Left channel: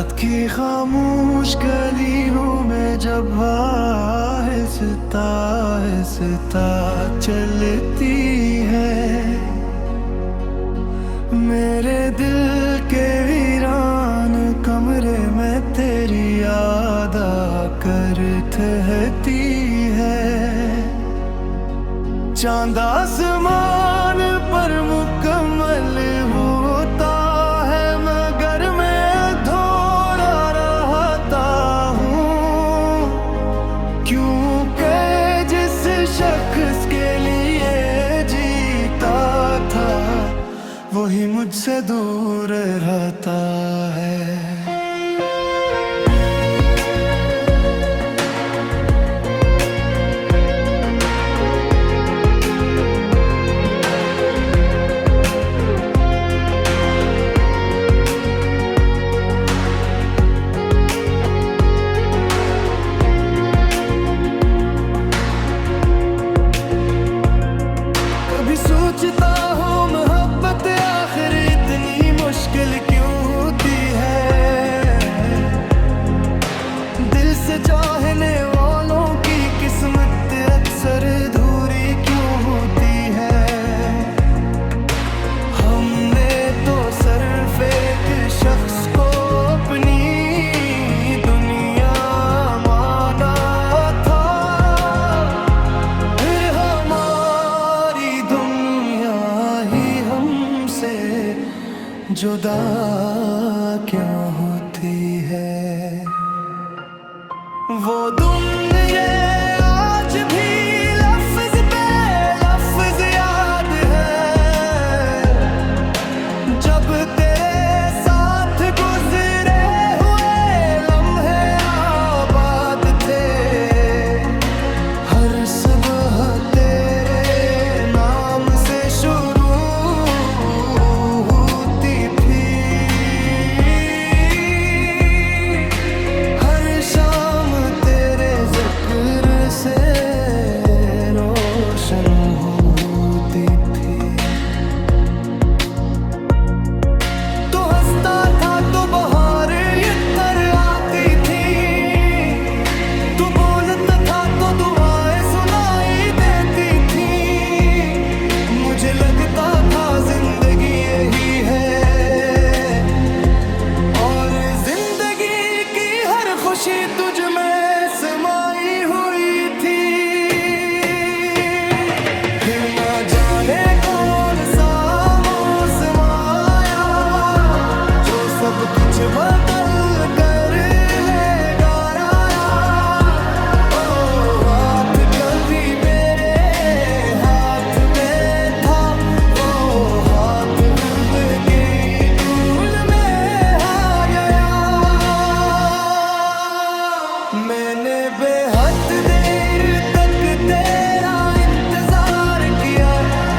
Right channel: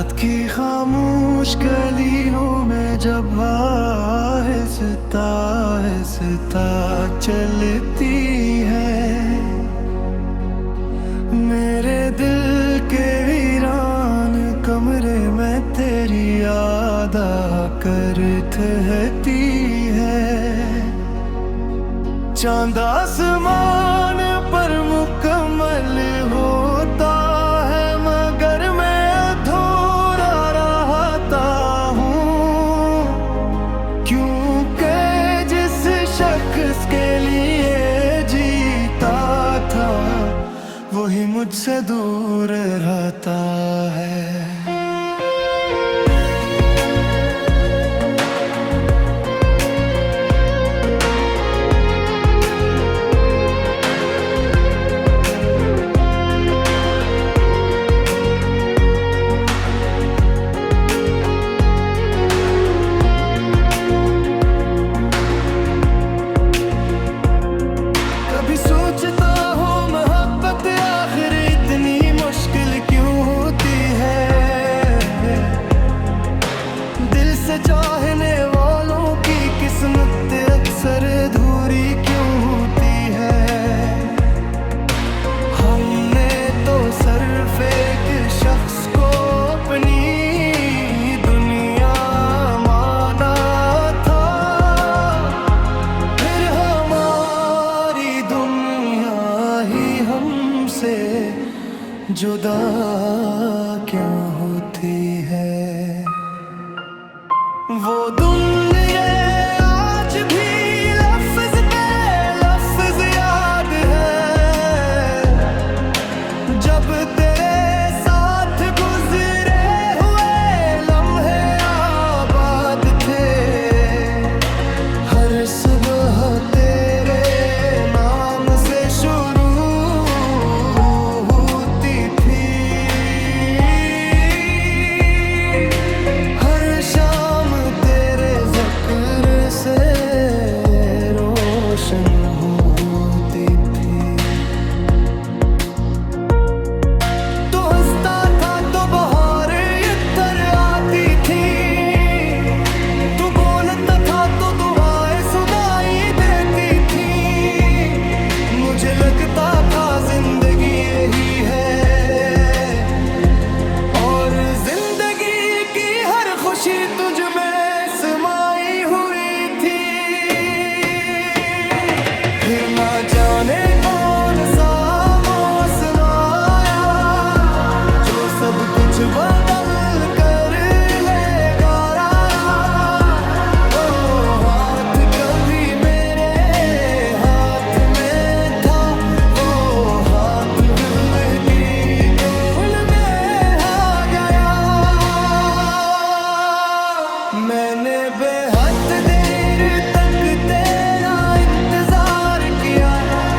रात की खामोश गलियों में जब आहिस्ता आहिस्ता चलती है, मेरे दिल के वीरान कमरे में तेरी याद आकर ठहरती है। चांद आसमान पर मुकम्मल होता है, मगर मैं अधूरा रहता हूँ, क्योंकि जिस शख्स के लिए जीता था वही मुझसे दूर रहता है। कभी सोचता हूँ मोहब्बत आखिर इतनी मुश्किल क्यों होती है, दिल से चाहने वालों की किस्मत अक्सर अधूरी क्यों होती है। हमने तो सिर्फ एक शख्स को अपनी दुनिया माना था, फिर हमारी दुनिया ही हमसे जुदा क्यों होती है। वो दुनिया आज भी लफ्ज पे लफ्ज याद है, जब तेरे साथ गुजरे हुए लम्हे आबाद थे। हर सुबह तेरे नाम से शुरू होती थी, हर शाम तेरे जिक्र से रोशन होती थी। तो हंसता था तो बहार इतर आती थी, तो बोलता था तो दुआएं सुनाई देती थी। मुझे लगता था जिंदगी यही है, और जिंदगी की हर खुशी तुझ में समाई हुई थी। फिर ना जाने कौन सा मौसम आया जो सब कुछ बदल कर लेगा राया। ओ हाथ कभी मेरे हाथ में था, वो हाथ दिल की धूल में आ गया। मैंने बेहद देर तक तेरा इंतजार किया,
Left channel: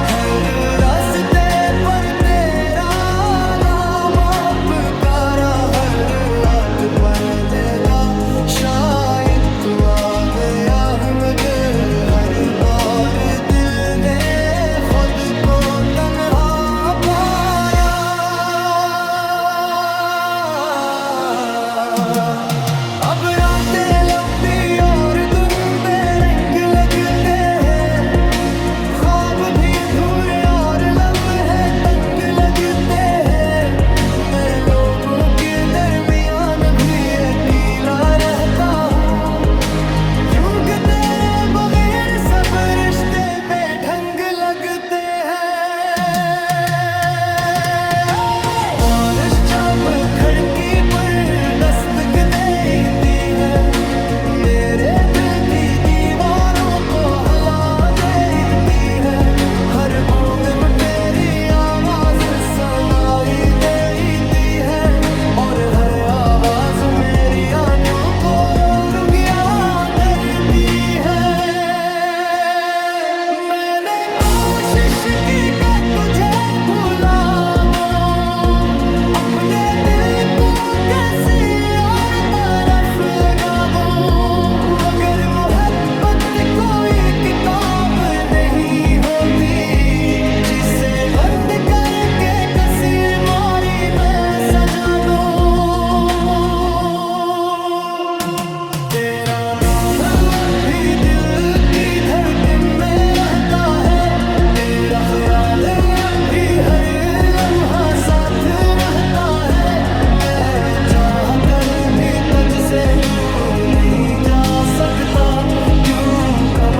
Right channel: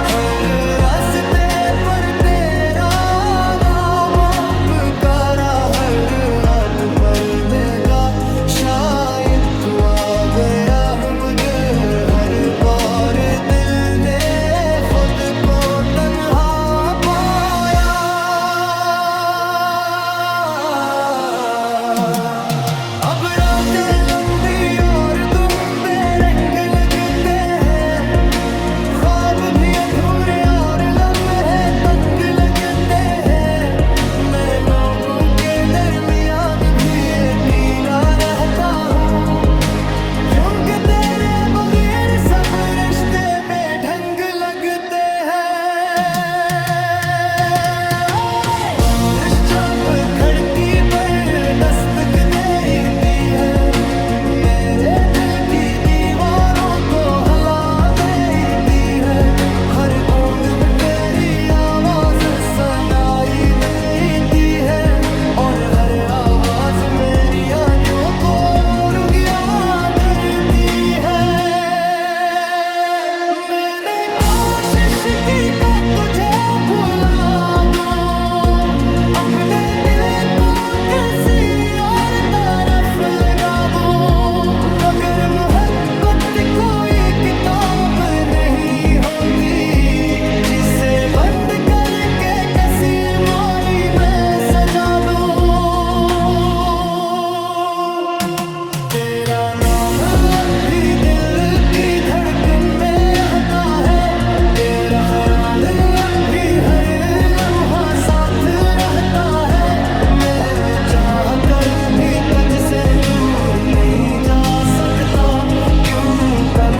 हर रास्ते पर तेरा नाम पुकारा, हर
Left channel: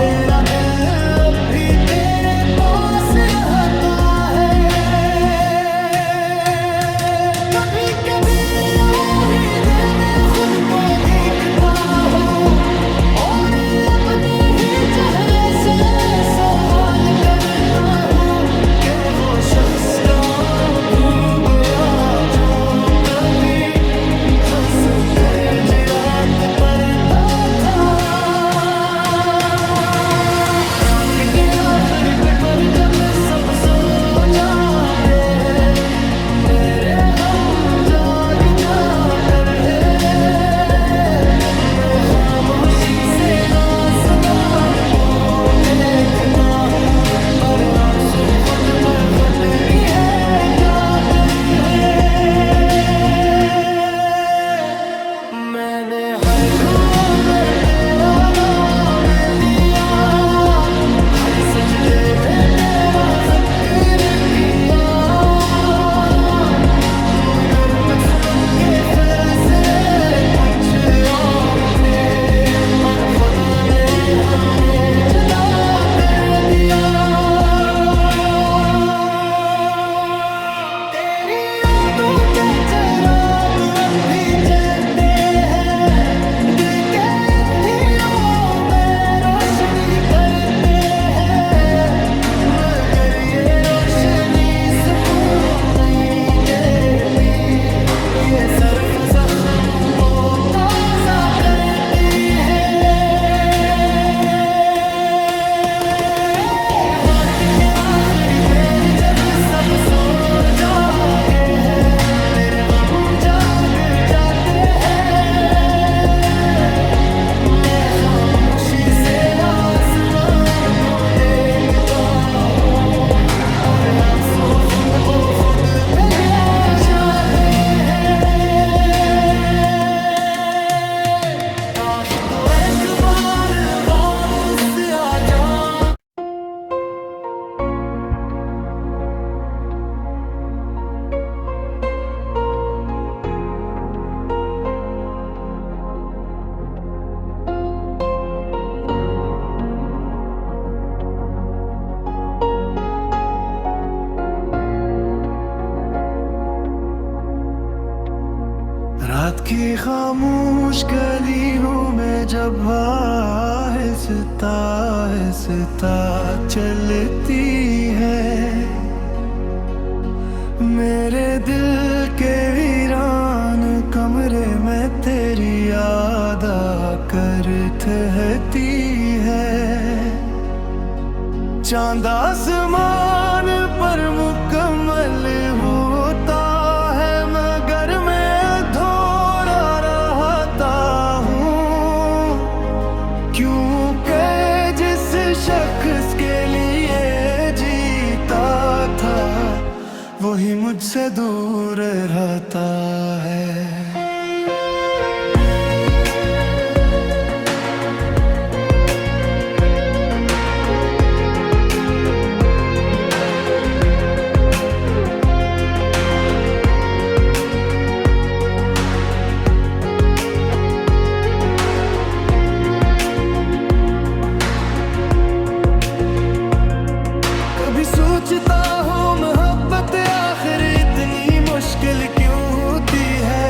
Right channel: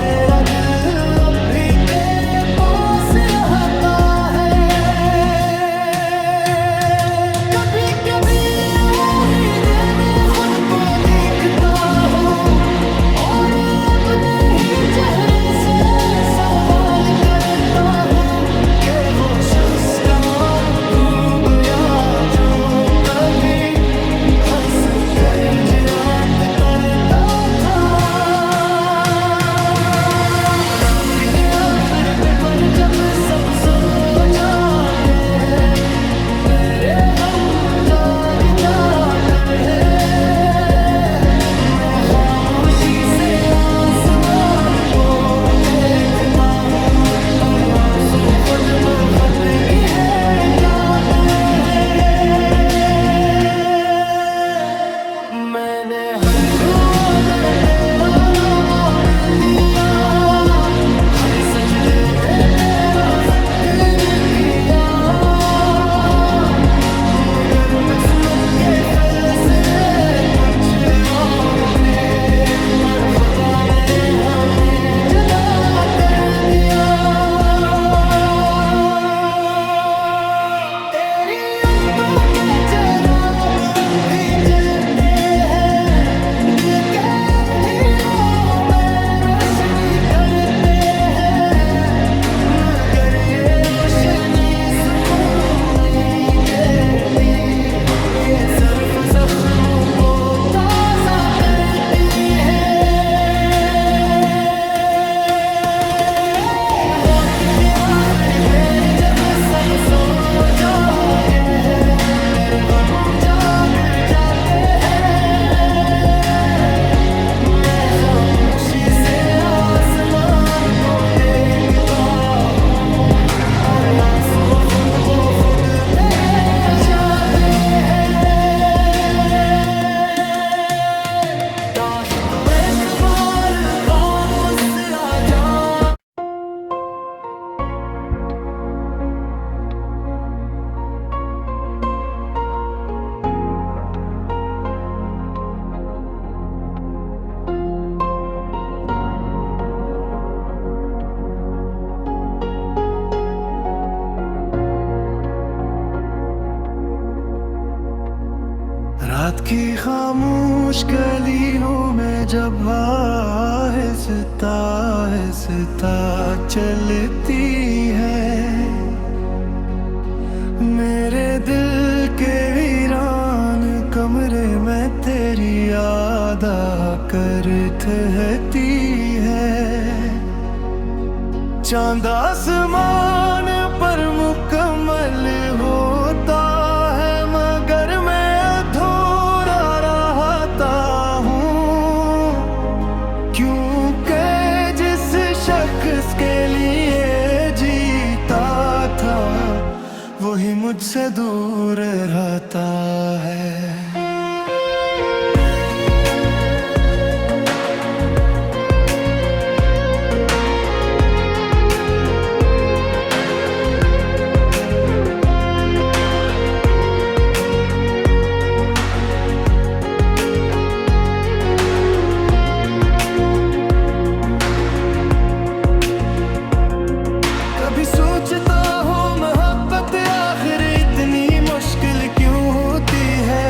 मेरा दिल अब भी तेरे पास रहता है। कभी कभी आईने में खुद को देखता हूँ और अपने ही चेहरे से सवाल करता हूँ कि वो शख्स का तू गया जो कभी हंस कर जियात तरता था। रात के आखिरी पे पर जब सब सो जाते हैं, मेरे हम जाग जाकर है। मैं खामोशी से आसमान को देखता हूँ और आंसू खुद ब खुद की है याद है। मैंने हर दुआ में तेरा नाम लिया, हर सजदे में तेरा जिक्र किया, मगर किस्मत के फैसले कुछ और थे और खुदा ने हमें जुदा कर दिया। तेरी यादों के चिराग अब भी जलते हैं, दिल के अंधेरों में रोशनी करते हैं, मगर ये रोशनी सुकून नहीं देती, ये सिर्फ जख्मों को ताज़ा करती है। रात के आखिरी पैर जब सब सो जाते हैं, मेरे गम जाग जाते हैं। मैं खामोशी से आसमान को देखता हूँ और आंसू खुद ब खुद बह जाते हैं। काश तू एक बार वापस आ जा। रात की खामोश गलियों में जब आहिस्ता आहिस्ता चलती है, मेरे दिल के वीरान कमरे में तेरी याद आकर ठहरती है। चांद आसमान पर मुकम्मल होता है, मगर मैं अधूरा रहता हूँ, क्योंकि जिस शख्स के लिए जीता था वही मुझसे दूर रहता है। कभी सोचता हूँ मोहब्बत आखिर इतनी मुश्किल क्यों होती है।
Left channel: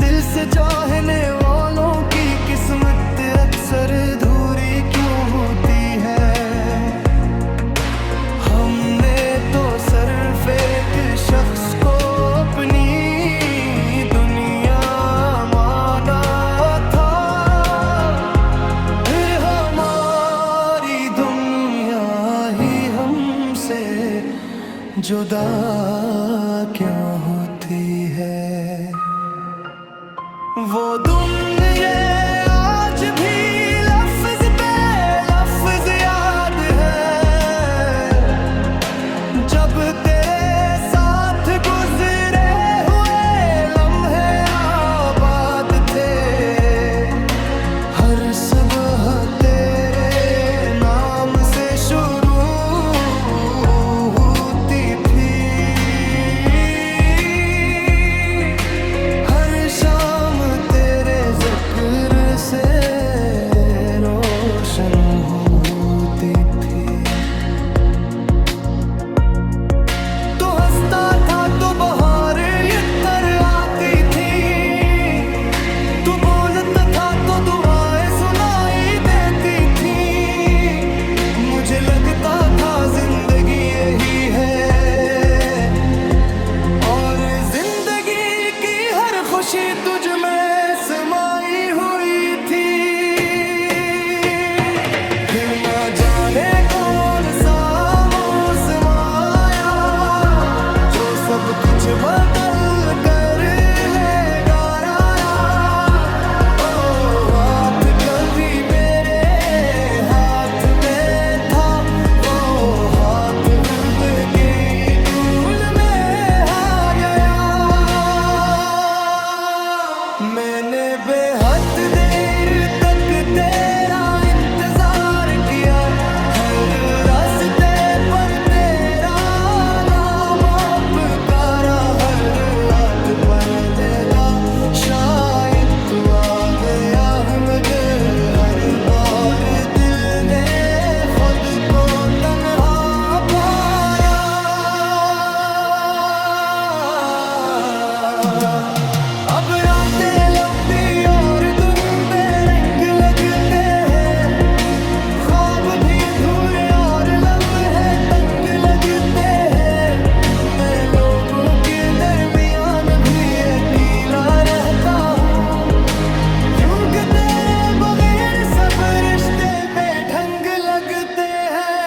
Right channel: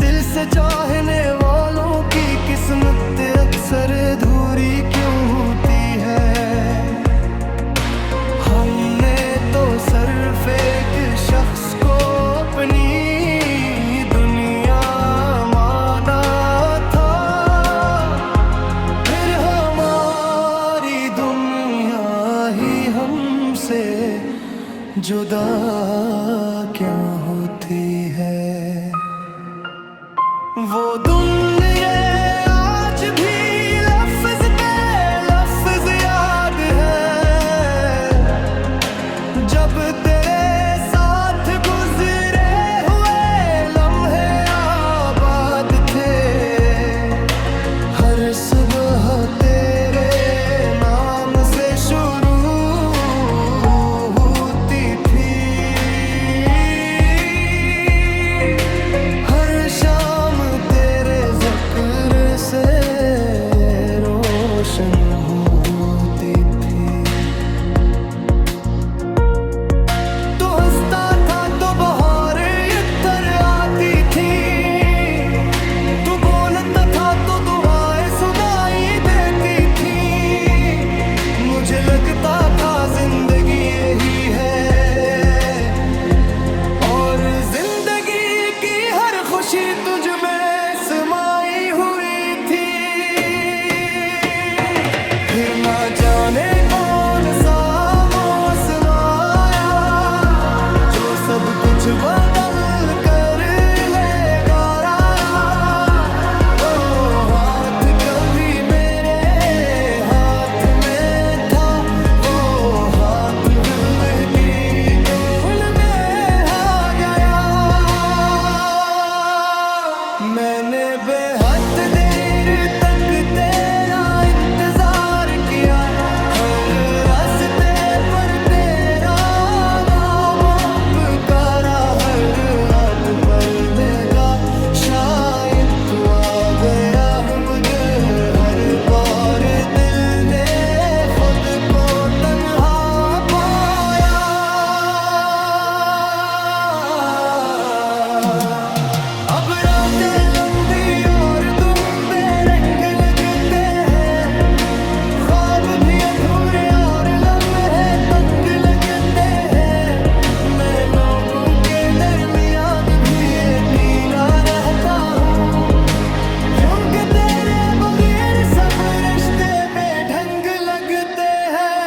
दिल से चाहने वालों की किस्मत अक्सर अधूरी क्यों होती है। हमने तो सिर्फ एक शख्स को अपनी दुनिया माना था, फिर हमारी दुनिया ही हमसे जुदा क्यों होती है। वो दुनिया आज भी लफ्ज पे लफ्ज याद है, जब तेरे साथ गुजरे हुए लम्हे आबाद थे। हर सुबह तेरे नाम से शुरू होती थी, हर शाम तेरे जिक्र मानो होती थी। तो हंसता था तो बहार इधर आती थी, तू बोलता था तो दुआएं सुनाई देती थी। मुझे लगता था जिंदगी यही है, और जिंदगी की हर खुशी तुझ में समाई हुई थी। फिर ना जाने कौन सा मौसम आया, जो सब कुछ बदल कर ले गया। ओ हाथ कभी मेरे हाथ में था, वो हाथ फिल्म की धूल में आ गया। मैंने बेहद देर तक तेरा इंतजार किया, हर रास्ते पर तेरा नाम पुकारा, हर रात पर लगा शायद तू आ गया है, मगर हर बार दिल ने खुद को तन्हा पाया। अब रातें लंबी और दिन बेरंग लगते हैं, ख्वाब भी अधूरे और लम्हे तंग लगते हैं। मैं लोगों के दरमियान भी अकेला रहता हूँ, यूं कि तेरे बगैर सब रिश्ते बेढंग लगते हैं।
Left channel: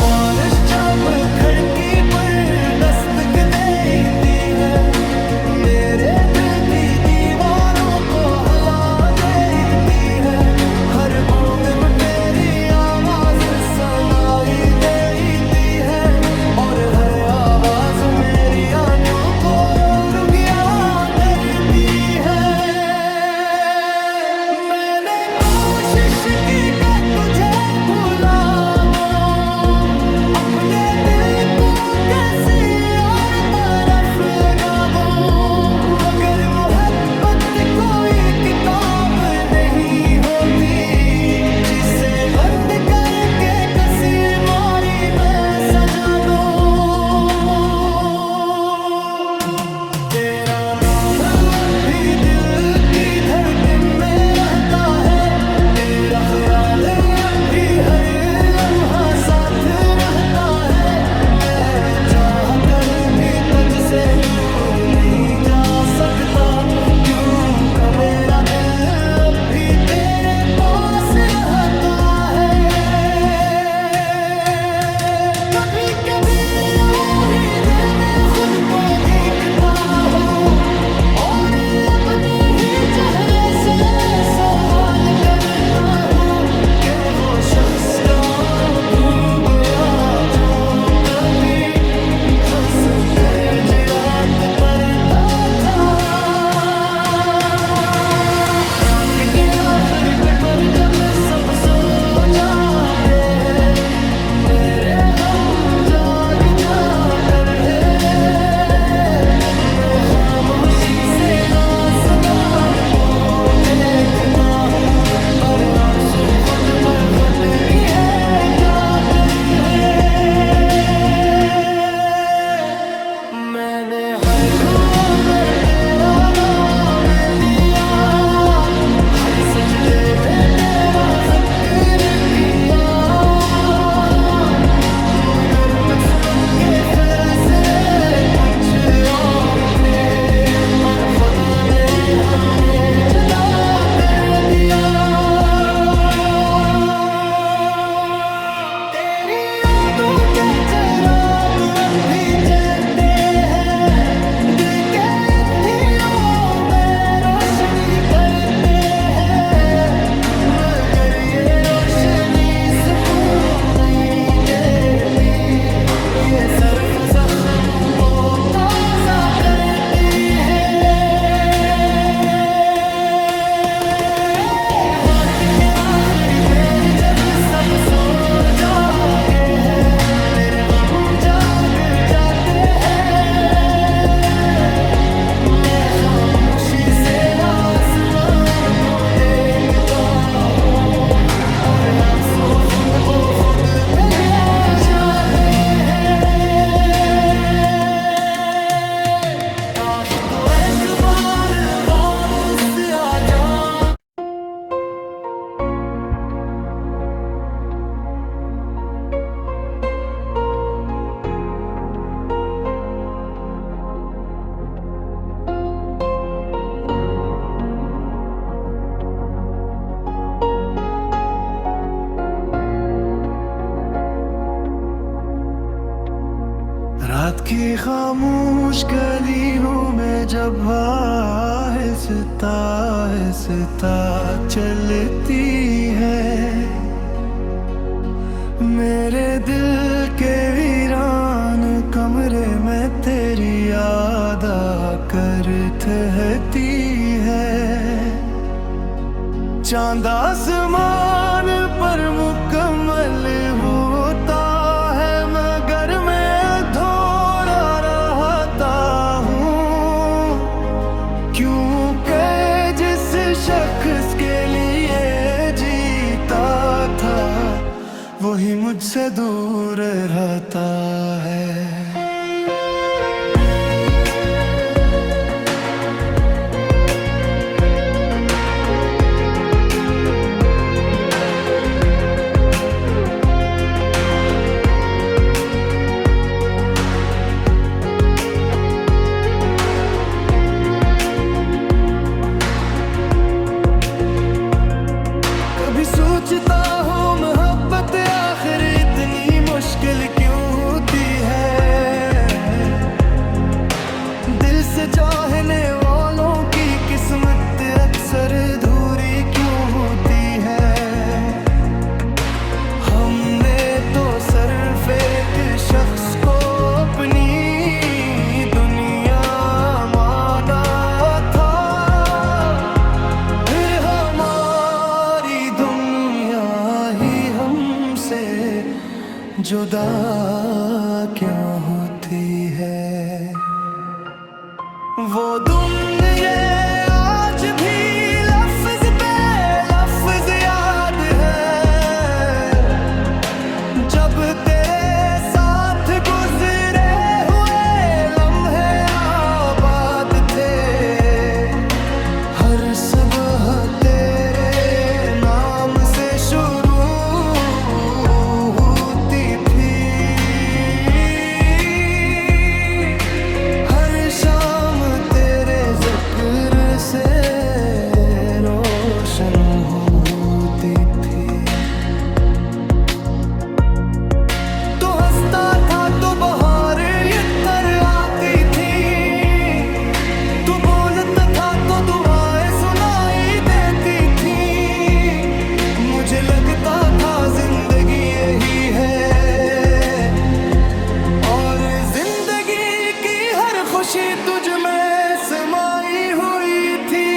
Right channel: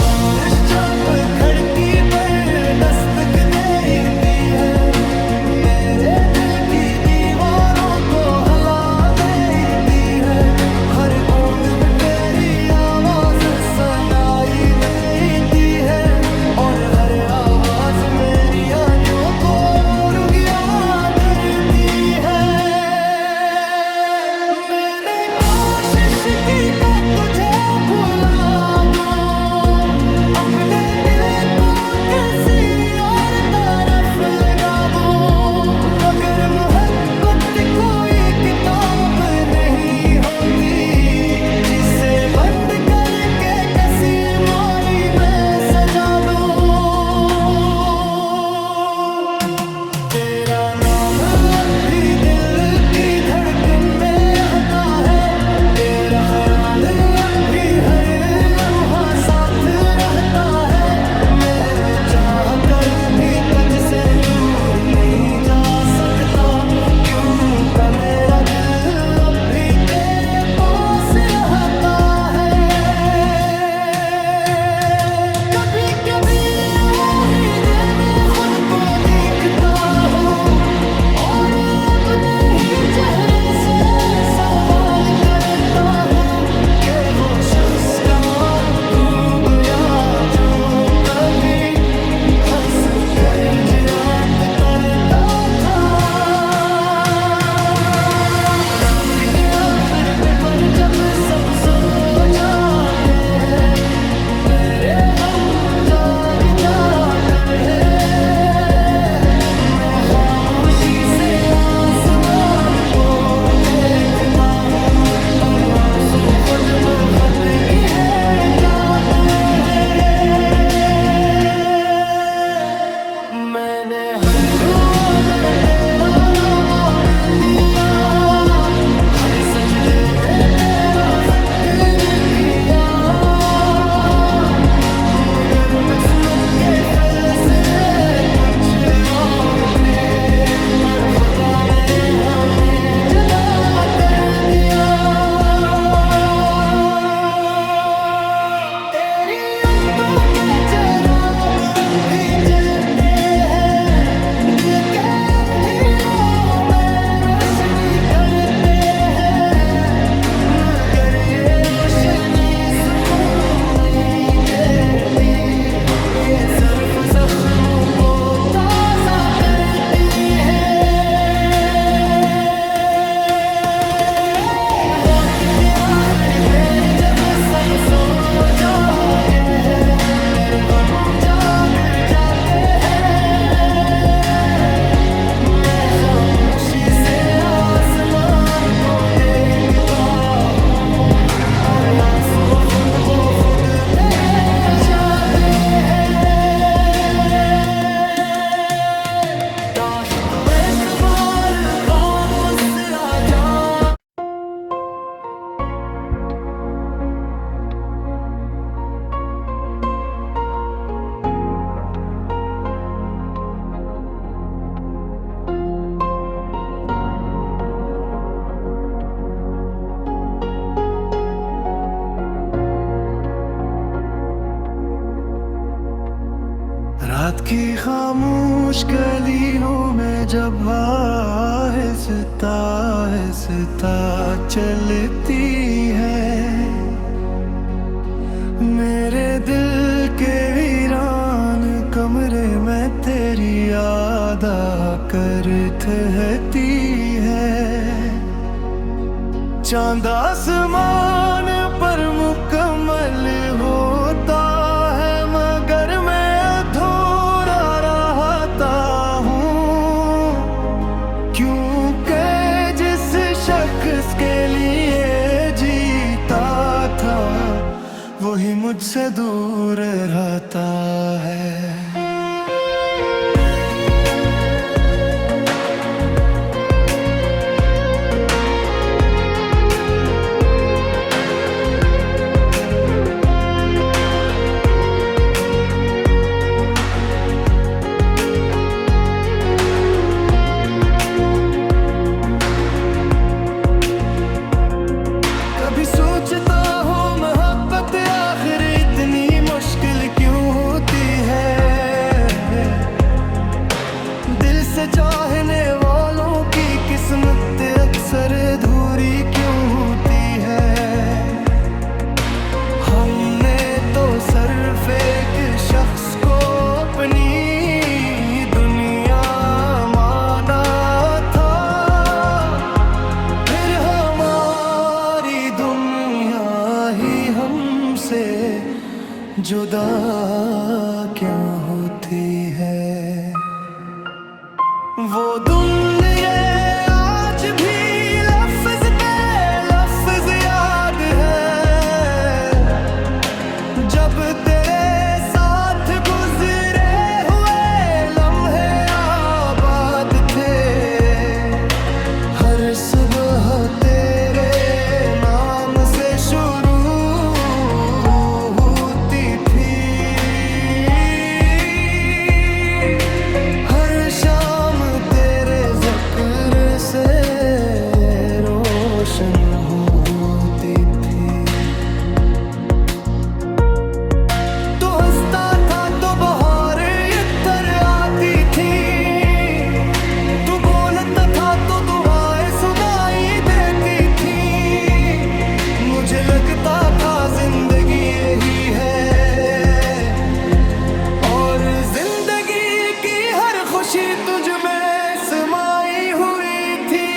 बारिश जब खिड़की पर दस्तक देती है, मेरे दिल की दीवारों को हिला देती है। हर बूंद में तेरी आवाज सुनाई देती है, और हर आवाज मेरी आँखों को रुकिया करती है। मैंने कोशिश की कि तुझे भुला दूं, अपने दिल को किसी और तरफ लगा दूं, मगर मोहब्बत कोई किताब नहीं होती, जिसे बंद करके किसी मारी में सजा दूं। तेरा नाम अब भी दिल की धड़कन में रहता है, तेरा ख्याल अब भी हर लम्हा साथ रहता है। मैं चाह कर भी तुझसे दूर नहीं जा सकता, क्यों का मेरा दिल अब भी तेरे पास रहता है। कभी कभी आहिदे में खुद को देखता हूँ, और अपने ही चेहरे से सवाल करता हूँ कि वो शख्स का तू गया, जो कभी हंस कर जियात तरता था। रात के आखिर पे पर जब सब सो जाते हैं, मेरे हम जाग जाकर है। मैं खामोशी से आसमान को देखता हूँ, और आंसू खुद ब खुद की है जाते हैं। मैंने हर दुआ में तेरा नाम लिया, हर सजदे में तेरा जिक्र किया, मगर किस्मत के फैसले कुछ और थे, और खुदा ने हमें जुदा कर दिया। तेरी यादों के चिराग अब भी जलते हैं, दिल के अंधेरों में रोशनी करते हैं। रात की खामोश गली हूँ मैं जब आहिस्ता आहिस्ता चलती है, मेरे दिल के वीरान कमरे में तेरी याद आकर ठहरती है। चांद आसमान पर मुकम्मल होता है मगर मैं अधूरा रहता हूँ, क्योंकि जिस शख्स के लिए जीता था वही मुझसे दूर रहता है। कभी सोचता हूँ मोहब्बत आखिर इतनी मुश्किल क्यों होती है, दिल से चाहने वालों की किस्मत अक्सर अधूरी क्यों होती है। हमने तो सिर्फ एक शख्स को अपनी दुनिया माना था, फिर हमारी दुनिया ही हमसे जुदा क्या होती है। वो दुनिया आज भी लफ्ज पे लफ्ज याद है, जब तेरे साथ गुजरे हुए लम्हे आबाद थे। हर सुबह तेरे नाम से शुरू होती थी, हर शाम तेरे ज़िक्र से रोशन होती थी। तो हंसता था तो बहार इधर आती थी, तू बोलता था तो दुआएं सुनाई देती थी। मुझे लगता था जिंदगी यही है और जिंदगी की हर खुशी तुझ में समाई हुई थी।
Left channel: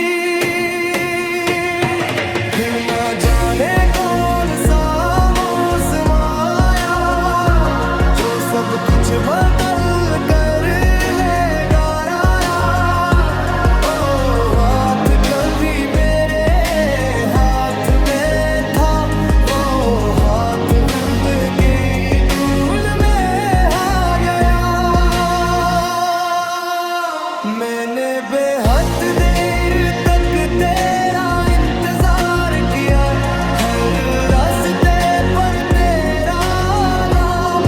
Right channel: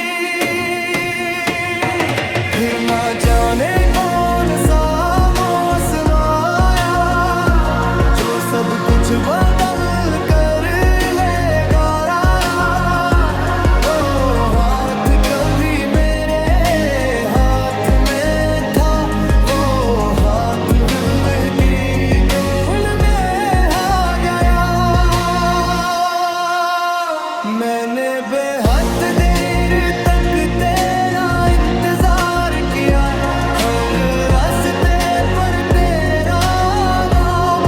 फिर ना जाने कौन सा मौसम आया जो सब कुछ बदल कर ले गया। ओ हाथ कभी मेरे हाथ में था, वो हाथ दिल की धूल में आ गया। मैंने बेहद देर तक तेरा इंतजार किया, हर रास्ते पर तेरा नाम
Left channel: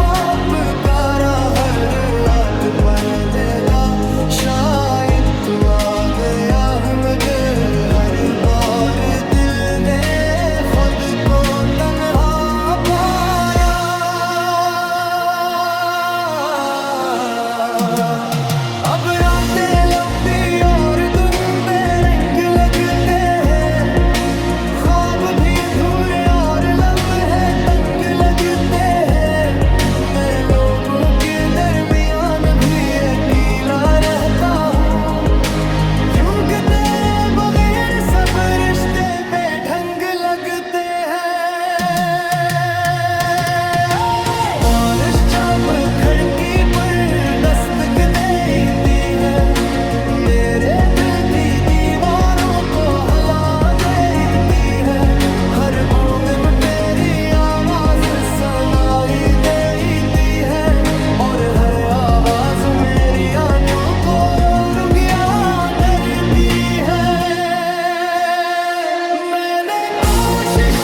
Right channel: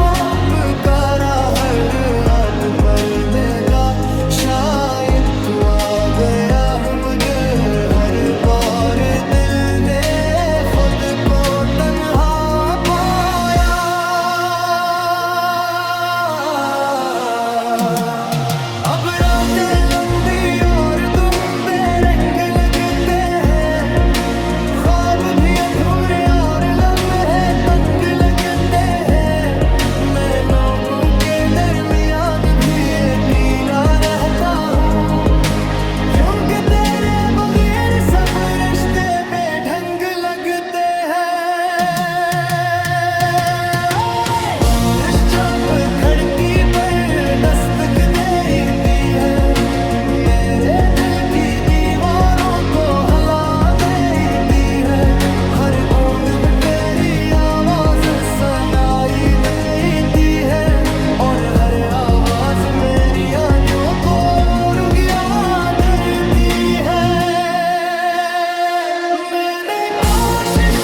पुकारा, हर रात पर लगा शायद तू आ गया है, मगर हर बार दिल ने खुद को तन्हा पाया। अब रातें लंबी और दिन बेरंग लगते हैं, ख्वाब भी अधूरे और लम्हे तंग लगते हैं। मैं लोगों के दरमियान भी अकेला रहता हूँ, यूं कि तेरे बगैर सब रिश्ते बेढंग लगते हैं। बारिश जब खिड़की पर दस्तक देती है, मेरे दिल की दीवारों को हिला देती है। हर बूंद में तेरी आवाज सुनाई देती है और हर आवाज मेरी आँखों को रुकिया करती है। मैंने कोशिश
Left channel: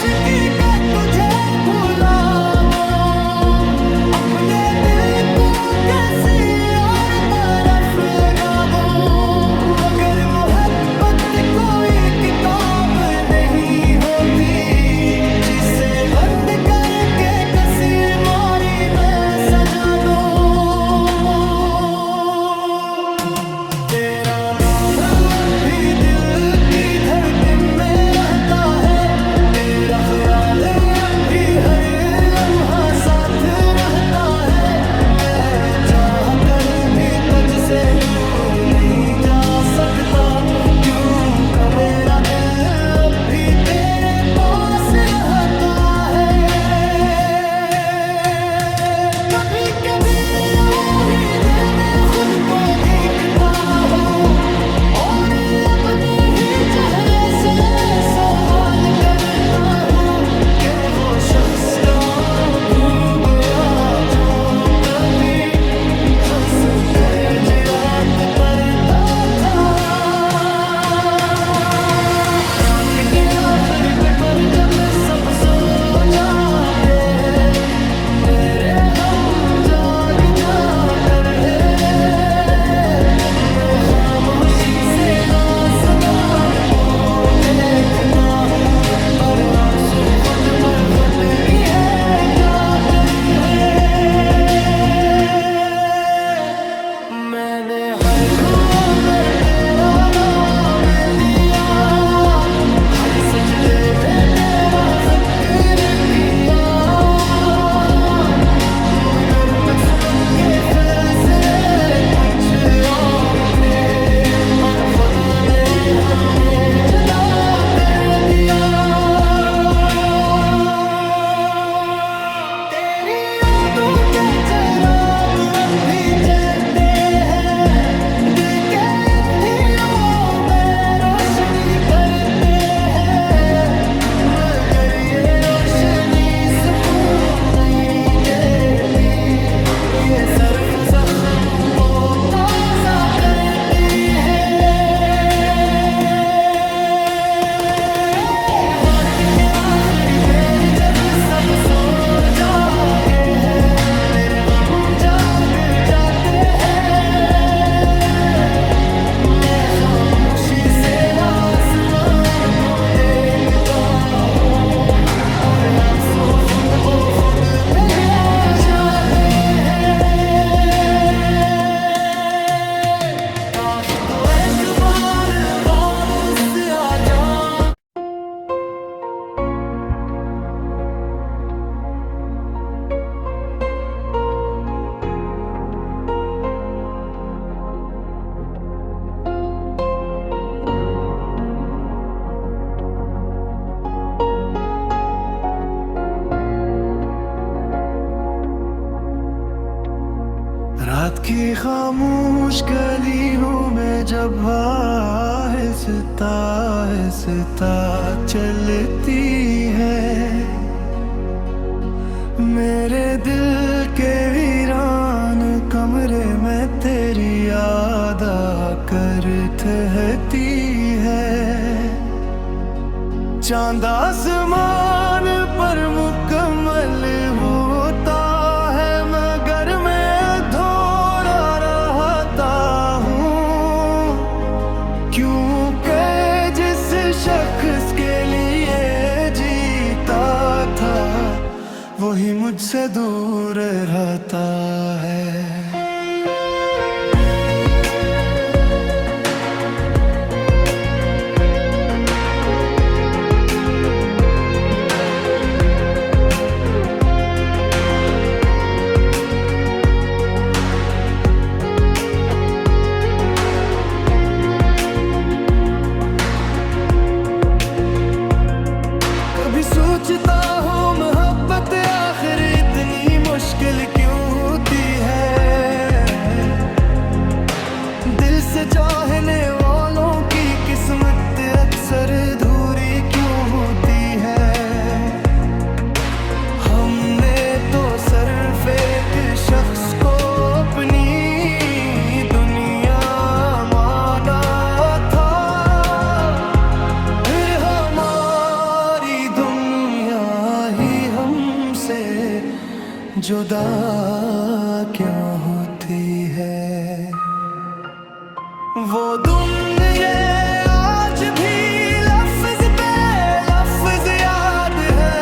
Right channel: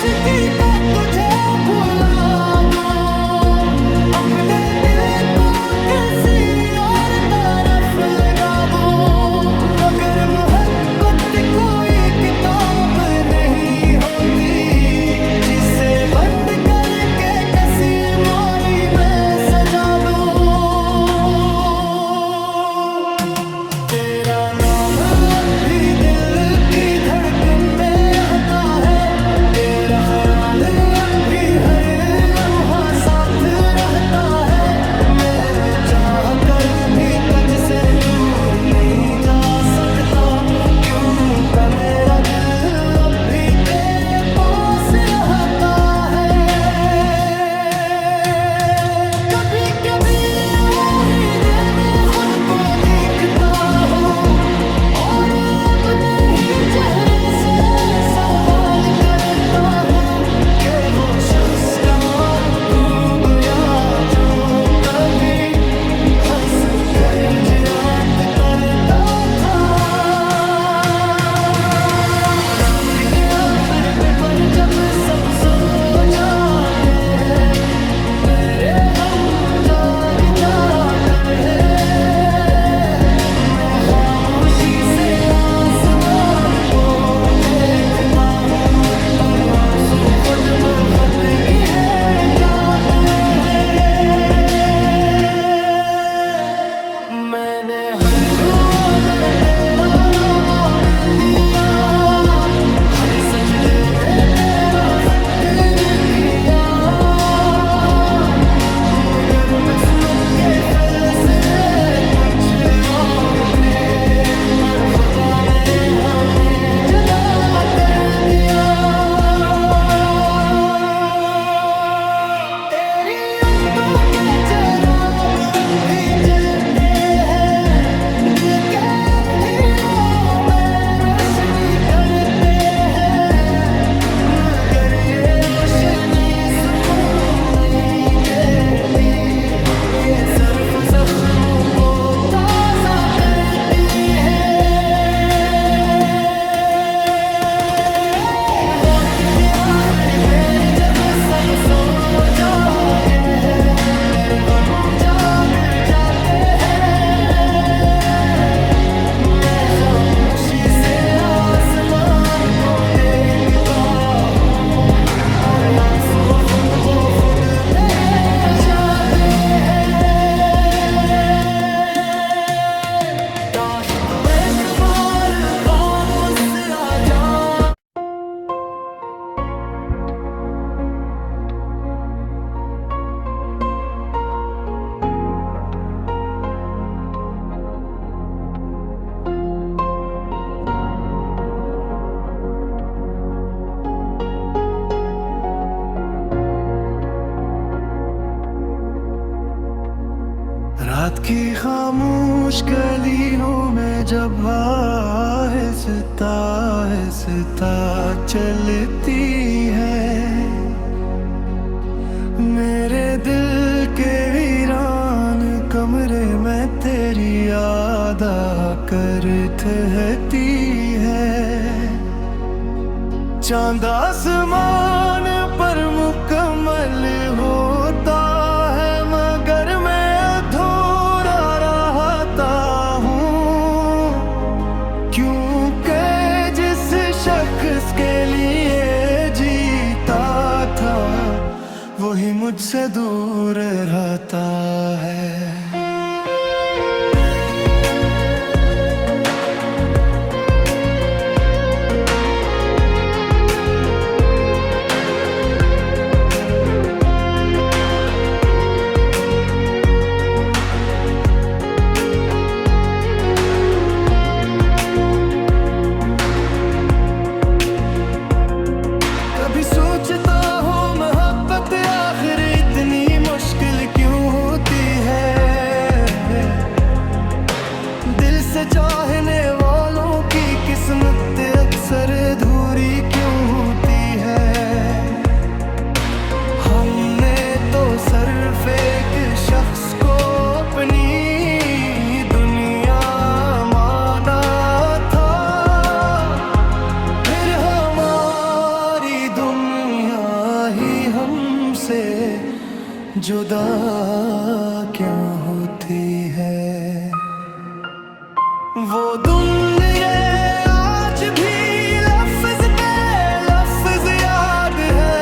ख्याल अब भी हर लम्हा साथ रहता है। मैं चाह कर भी तुझसे दूर नहीं जा सकता, क्यों का मेरा दिल अब भी तेरे पास रहता है। कभी कभी और ही दिल में खुद को देखता हूँ और अपने ही चेहरे से सवाल करता हूँ कि वो शख्स का तू गया जो कभी हंस कर जियात करता था। रात के आखिर पे पर जब सब सो जाते हैं, मेरे हम जाग जाकर है। मैं खामोशी से आसमान को देखता हूँ और आंसू खुद ब खुद की है जाते हैं। मैंने हर दुआ में तेरा नाम लिया, हर सजदे में तेरा जिक्र किया, मगर किस्मत के फैसले कुछ और थे और खुदा ने हमें जुदा कर दिया। तेरी यादों के चिराग अब भी जलते हैं, दिल के अंधेरों में रोशनी करते हैं, मगर ये रोशनी सुकून नहीं देती, ये सिर्फ जख्मों को ताज़ा करती है। रात के आखिर पैर जब सब सो जाते हैं, मेरे गम जाग जाते हैं। मैं खामोशी से आसमान को देखता हूँ और आंसू खुद ब खुद बह जाते हैं। काश तू एक बार वापस आ जा। रात की खामोश गलियों में जब आहिस्ता आहिस्ता चलती है, मेरे दिल के वीरान कमरे में तेरी याद आकर ठहरती है। चांद आसमान पर मुकम्मल होता है, मगर मैं अधूरा रहता हूँ, क्योंकि जिस शख्स के लिए जीता था वही मुझसे दूर रहता है। कभी सोचता हूँ मोहब्बत आखिर इतनी मुश्किल क्यों होती है, दिल से चाहने वालों की किस्मत अक्सर अधूरी क्यों होती है। हमने तो सिर्फ एक शख्स को अपनी दुनिया माना था, फिर हमारी दुनिया ही हमसे जुदा क्यों होती है। वो दुनिया आज भी लफ्ज पे लफ्ज याद है,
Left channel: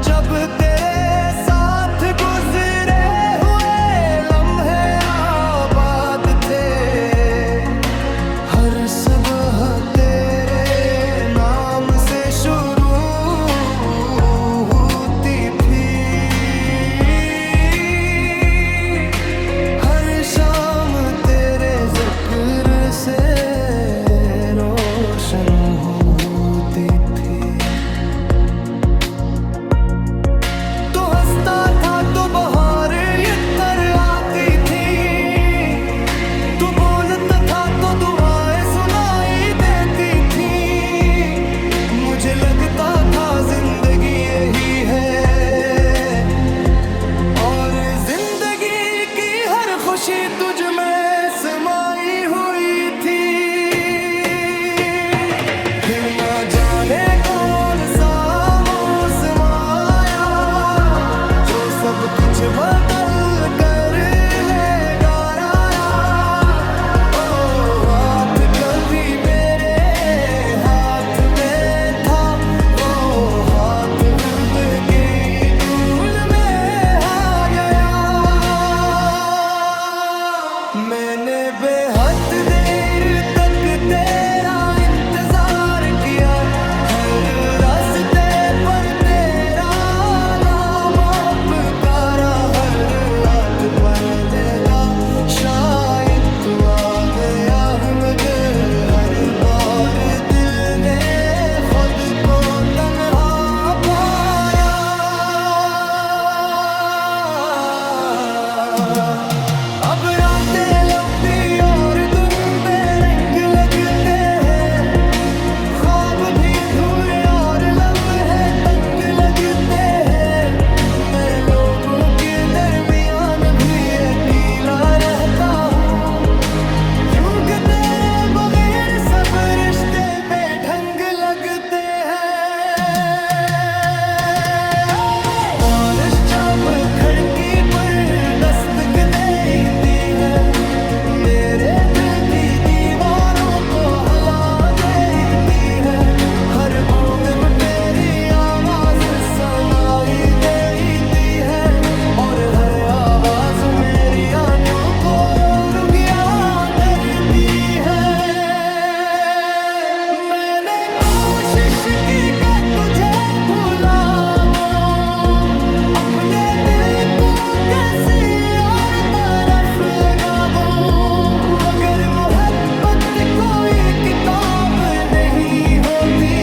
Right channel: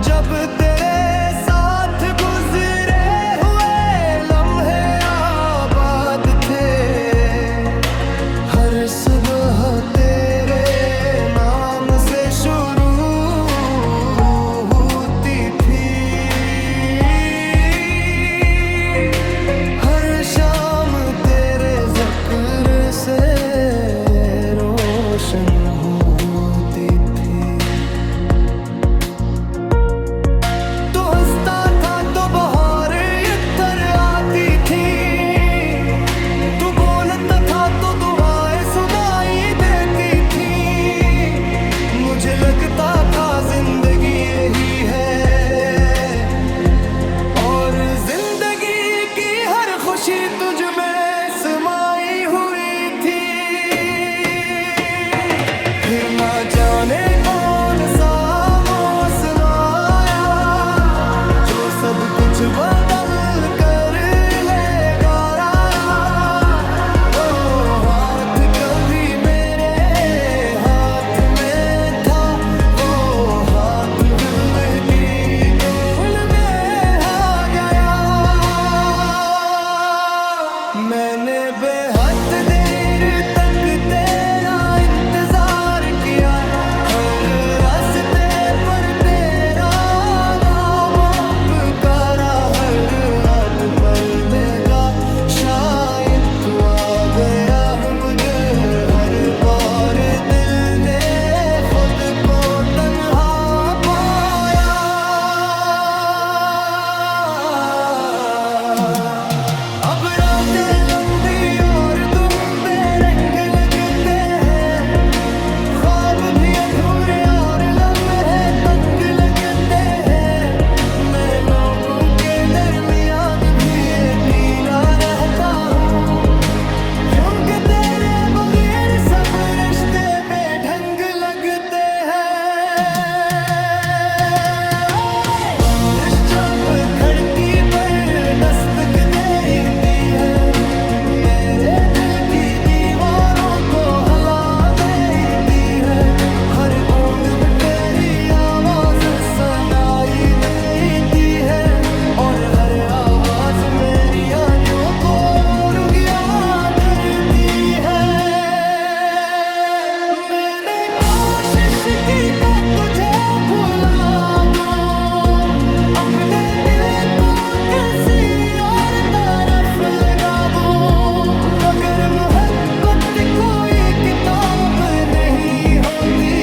जब तेरे साथ गुजरे हुए लम्हे आबाद थे। हर सुबह तेरे नाम से मुझे लगता था जिंदगी यही है, और जिंदगी की हर खुशी तुझ में समाई हुई थी। फिर ना जाने कौन सा मौसम आया जो सब कुछ बदल कर लेगा आया। ओ हाथ कभी मेरे हाथ में था, वो हाथ दिल की धूल में आ गया। मैंने बेहद देर तक तेरा इंतजार किया, हर रास्ते पर तेरा नाम पुकारा, हर रात पर लेगा शायद तू आ गया है, मगर हर बार दिल ने खुद को तन्हा पाया। अब रातें लंबी और दिन बेरंग लगते हैं, ख्वाब भी अधूरे और लम्हे तंग लगते हैं। मैं लोगों के दरमियान भी अकेला रहता हूँ, यूं कि तेरे बगैर सब रिश्ते बेढंग लगते हैं। बारिश जब खिड़की पर दस्तक देती है, मेरे दिल की दीवारों को हिला देती है। हर बूंद में तेरी आवाज सुनाई देती है, और हर आवाज मेरी आंखों को रुगिया करती है। मैंने कोशिश की कि तुझे भुला दूं, अपने दिल को किसी और तरफ लगा दूं, मगर मोहब्बत कोई किताब नहीं होती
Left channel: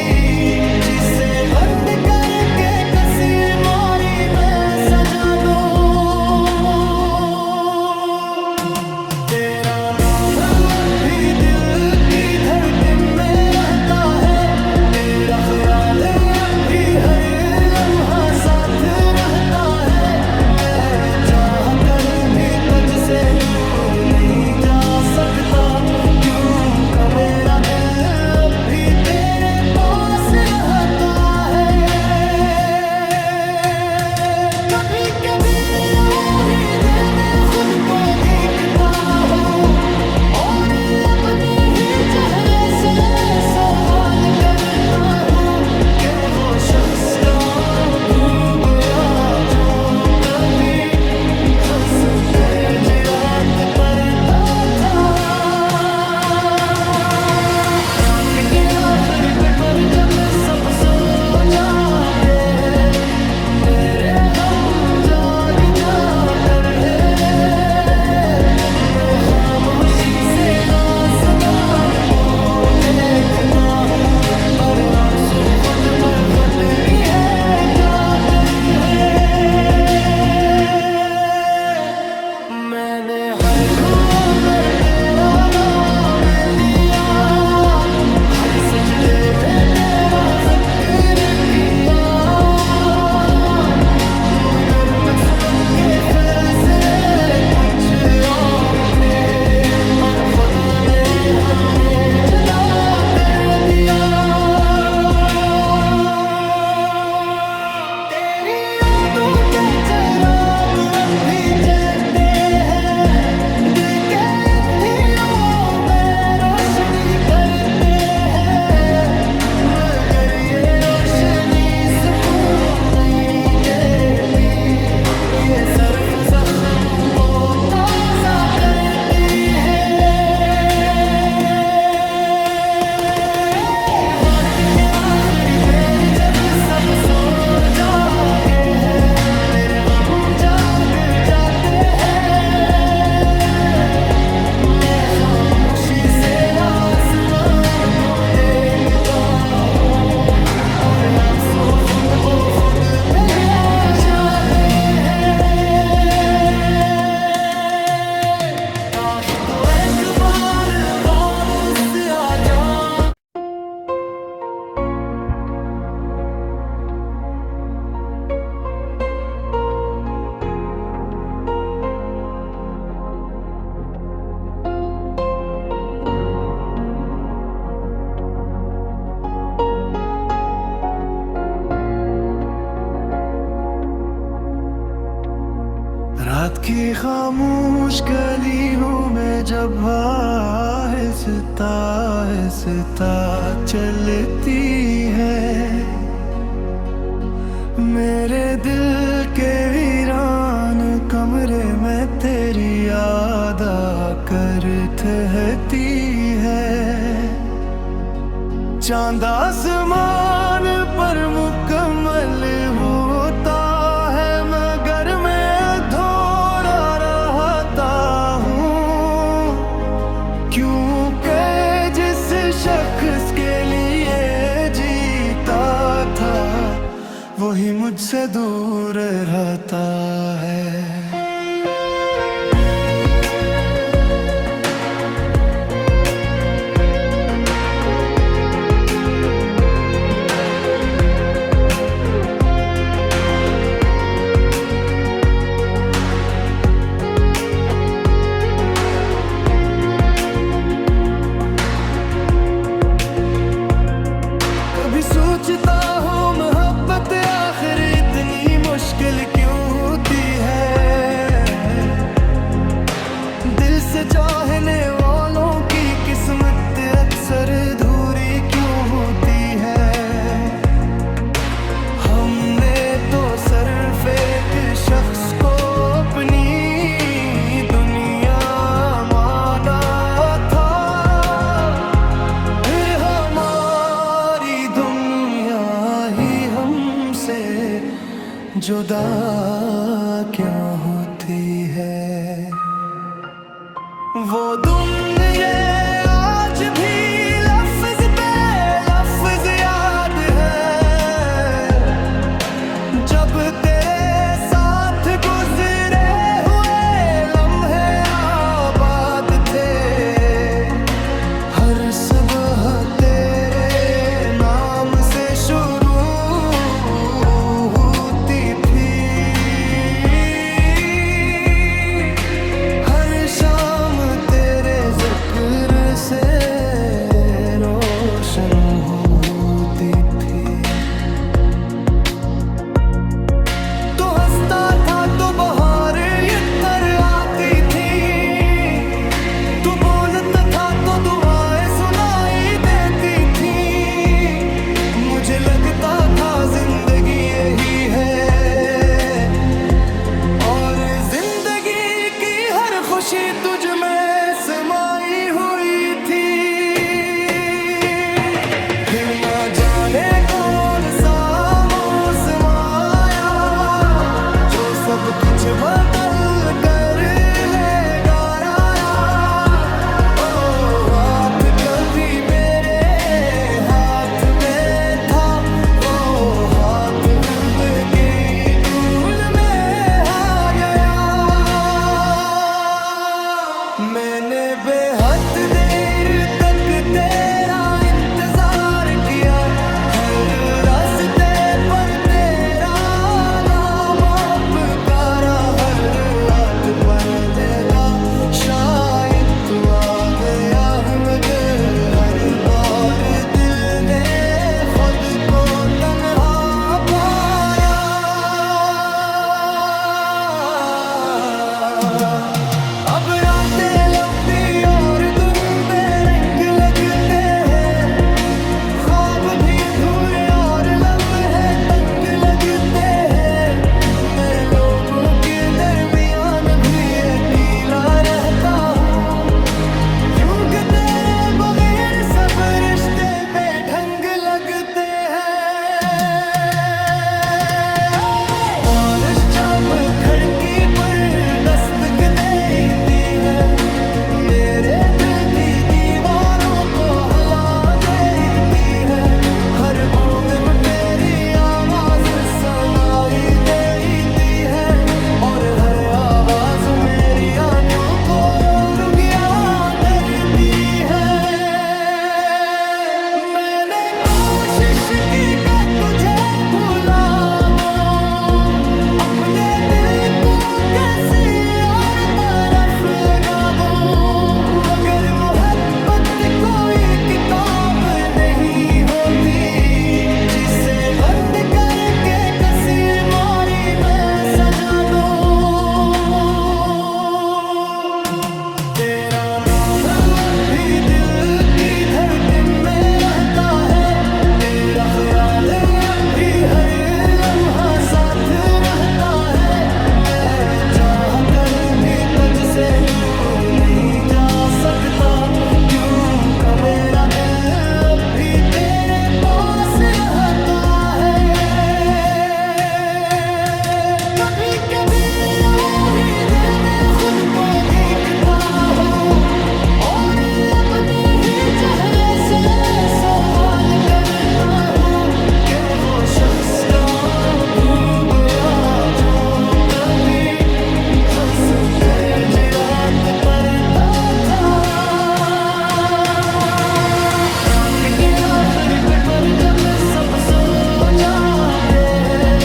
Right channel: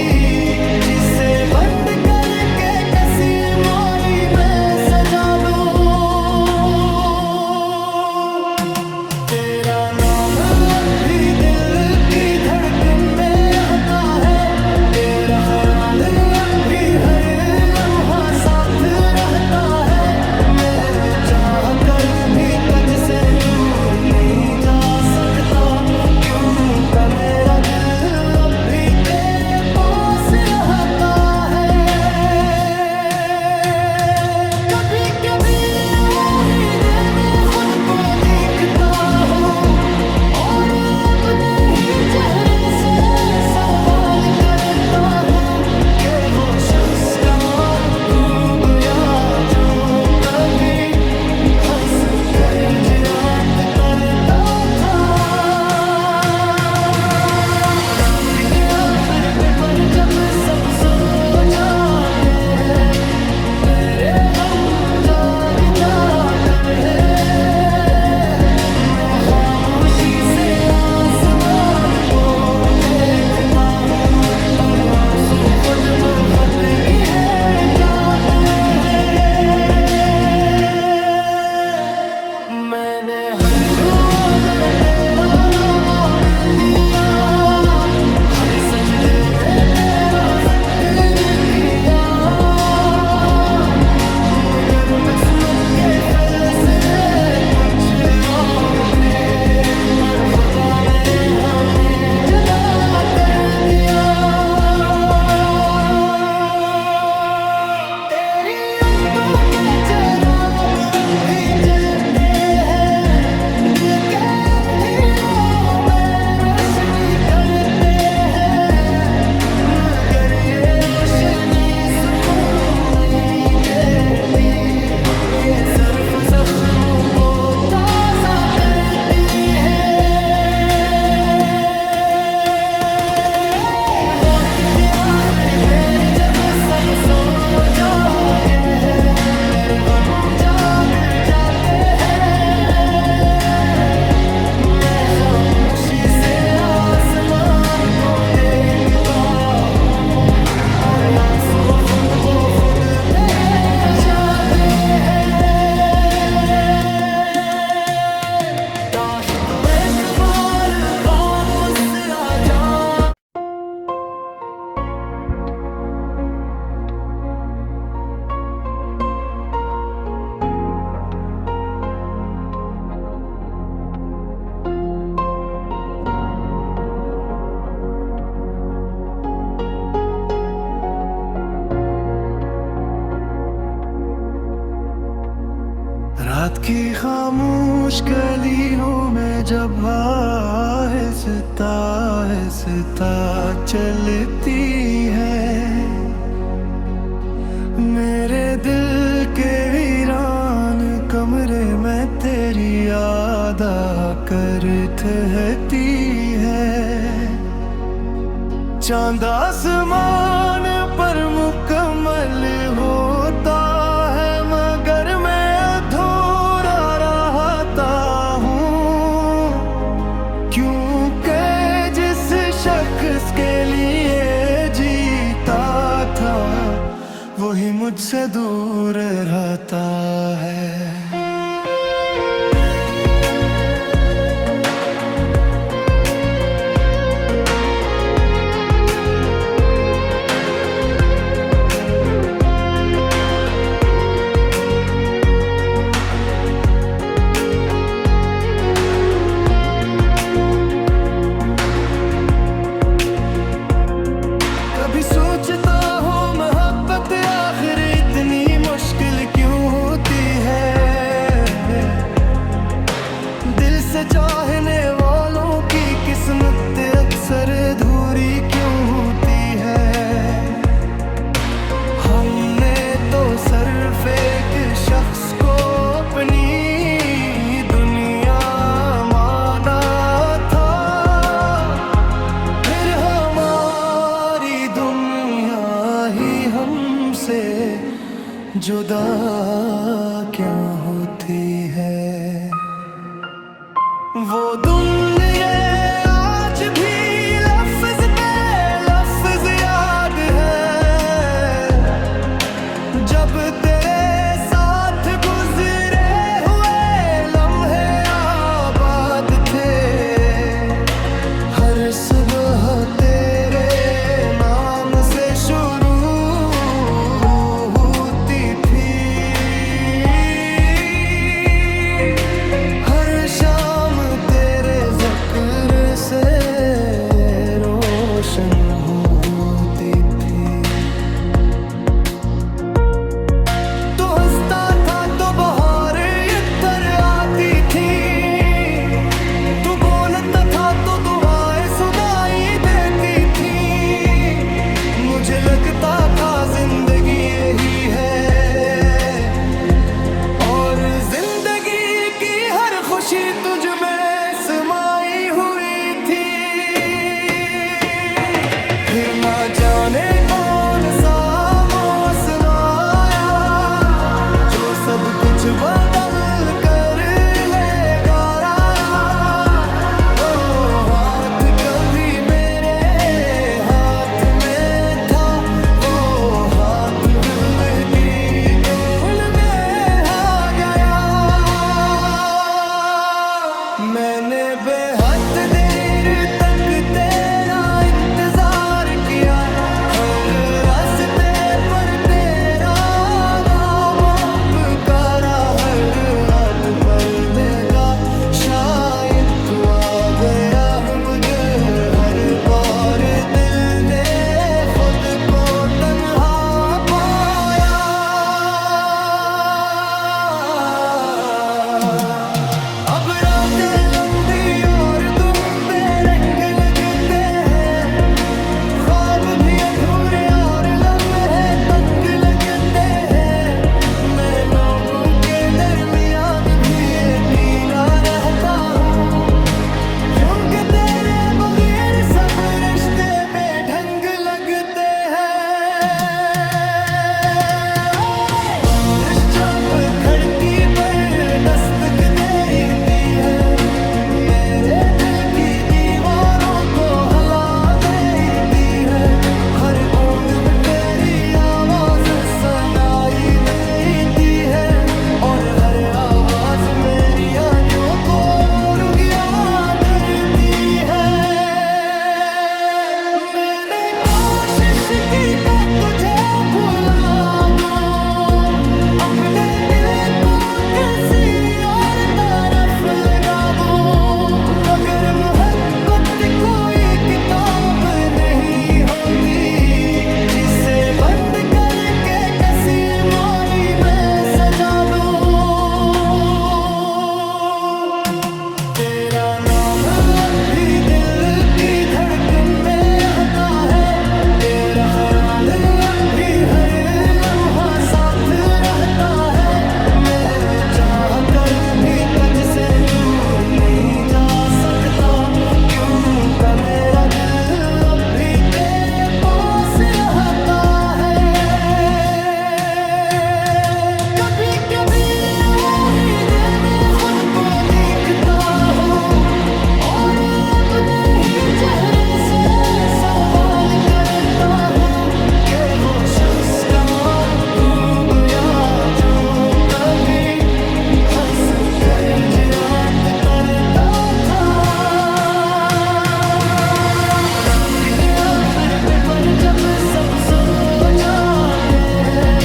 जिसे बंद करके किसी मोरी में सजा दूं। तेरा नाम अब भी दिल की धड़कन में रहता है, तेरा ख्याल अब भी हर लम्हा साथ रहता है। मैं चाह कर भी तुझसे दूर नहीं जा सकता, क्योंकि मेरा दिल अब भी तेरे पास रहता है। कभी कभी और ही दिल में खुद को देखता हूँ, और अपने ही चेहरे से सवाल करता हूँ कि वो शख्स का खो गया जो कभी हंस कर जियात तरता था। रात के आखिरी पे पर जब सब सो जाते हैं, मेरे हम जाग जाकर है। मैं खामोशी से आसमान को देखता हूँ, और आंसू खुद ब खुद की है जाते हैं। मैंने हर दुआ में तेरा नाम लिया, हर सजदे में तेरा जिक्र किया, मगर किस्मत के फैसले कुछ और थे, और खुदा ने हमें जुदा कर दिया। रात की खामोश गली हूँ मैं जब आहिस्ता आहिस्ता चलती है, मेरे दिल के वीरान कमरे में तेरी याद आकर ठहरती है। चांद आसमान पर मुकम्मल होता है मगर मैं अधूरा रहता हूँ, क्योंकि जिस शख्स के लिए जीता था वही मुझसे दूर रहता है। कभी सोचता हूँ मोहब्बत आखिर इतनी मुश्किल क्यों होती है, दिल से चाहने वालों की किस्मत अक्सर अधूरी क्यों होती है। हमने तो सिर्फ एक शख्स को अपनी दुनिया माना था, फिर हमारी दुनिया ही हमसे जुदा क्यों होती है। वो दुनिया आज भी लफ्ज पे लफ्ज याद है, जब तेरे साथ गुजरे हुए लम्हे आबाद थे। हर सुबह तेरे नाम से शुरू होती थी, हर शाम तेरे जिक्र से रोशन होती थी। तो हंसता था तो बहार इतर आती थी, तू बोलता था तो दुआएं सुनाई देती थी। मुझे लगता था जिंदगी यही है और जिंदगी की हर खुशी तुझ में समाई हुई थी। फिर ना जाने कौन सा मौसम आया जो सब कुछ बदल कर ले गया। ओ हाथ कभी मेरे हाथ में था, वो हाथ दिल की धूल में आ गया। मैंने बेहद देर तक तेरा इंतजार किया, हर रास्ते पर तेरा नाम पुकारा, हर रात ख्याल अब भी हर लम्हा साथ रहता है। मैं चाह कर भी तुझसे दूर नहीं जा सकता, क्यों का मेरा दिल अब भी तेरे पास रहता है। कभी कभी और ही दिल में खुद को दिखता हूँ और अपने ही चेहरे से सवाल करता हूँ कि वो शख्स का तू गया जो कभी हंस कर जियात करता था। रात के आखिर पे पर जब सब सो जाते हैं,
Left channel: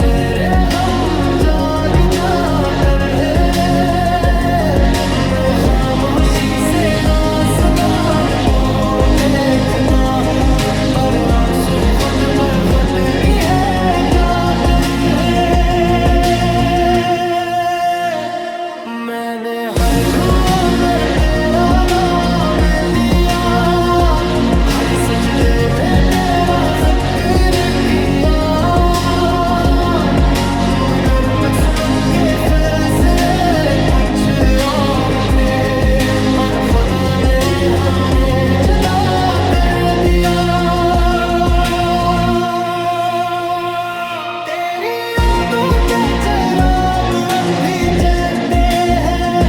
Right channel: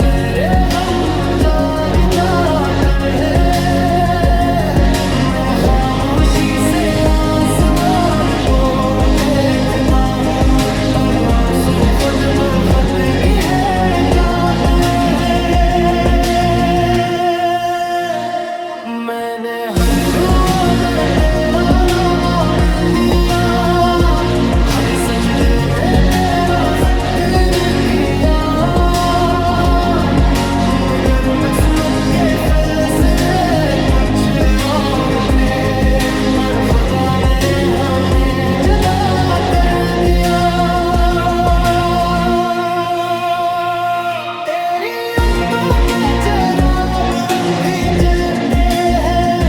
मेरे हम जाग जाकर है। मैं खामोशी से आसमान को देखता हूँ और आंसू खुद ब खुद की है जाते हैं। मैंने हर दुआ में तेरा नाम लिया, हर सजदे में तेरा जिक्र किया, मगर मकसद के फैसले कुछ और थे और खुदा ने हमें जुदा कर दिया। तेरी यादों के चिराग अब भी जलते हैं,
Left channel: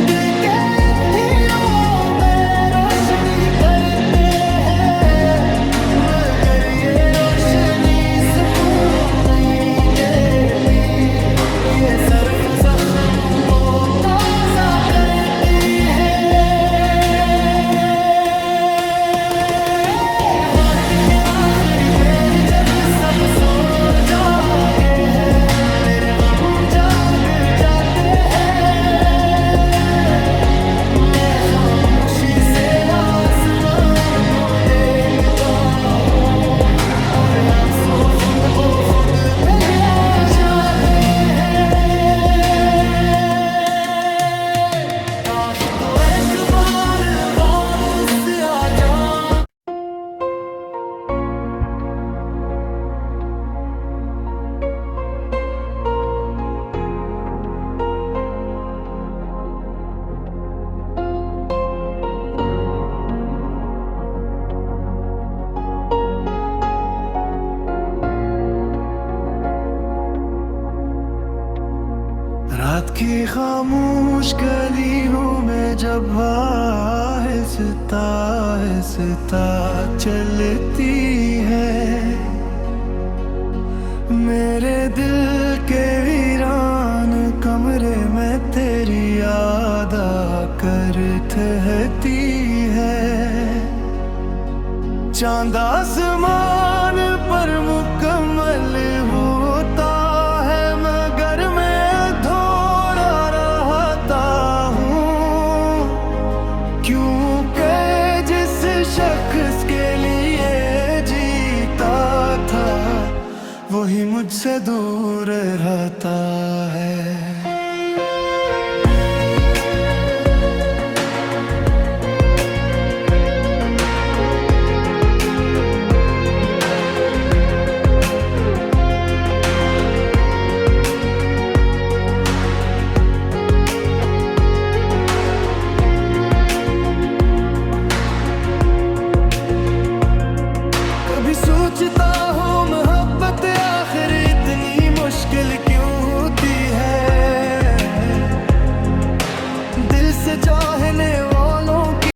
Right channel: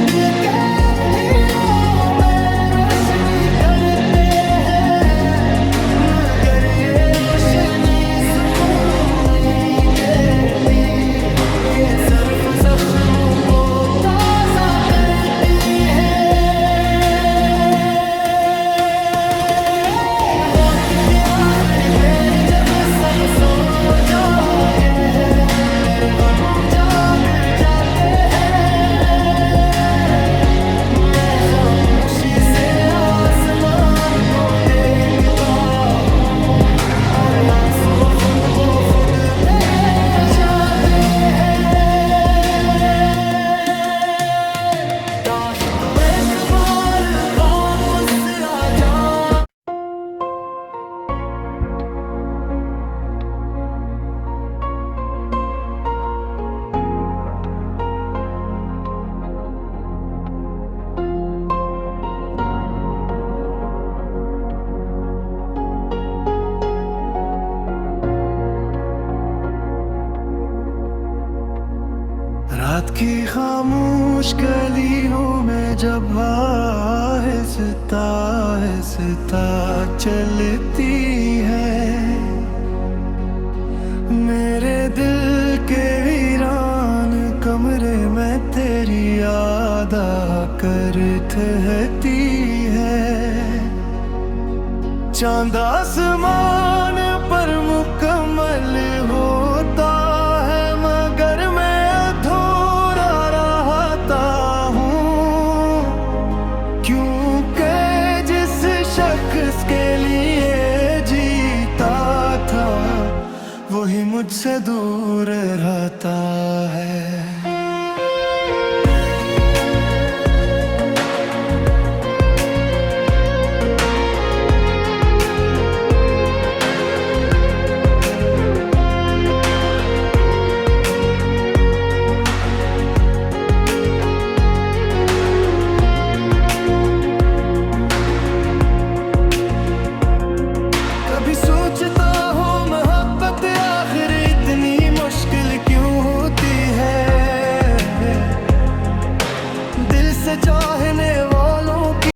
दिल के अंधेरों में रोशनी करते हैं, मगर ये रोशनी सुकून नहीं देती, ये सिर्फ जख्मों को ताज़ा करती है। रात के आखिर पैर जब सब सो जाते हैं, मेरे गम जाग जाते हैं। मैं खामोशी से आसमान को देखता हूँ और आंसू खुद ब खुद बह जाते हैं। काश तू एक बार वापस आ जा। रात की खामोश गलियों में जब आहिस्ता आहिस्ता चलती है, मेरे दिल के वीरान कमरे में तेरी याद आकर ठहरती है। चांद आसमान पर मुकम्मल होता है, मगर मैं अधूरा रहता हूँ, क्योंकि जिस शख्स के लिए जीता था वही मुझसे दूर रहता है। कभी सोचता हूँ मोहब्बत आखिर इतनी मुश्किल क्यों होती है, दिल से चाहने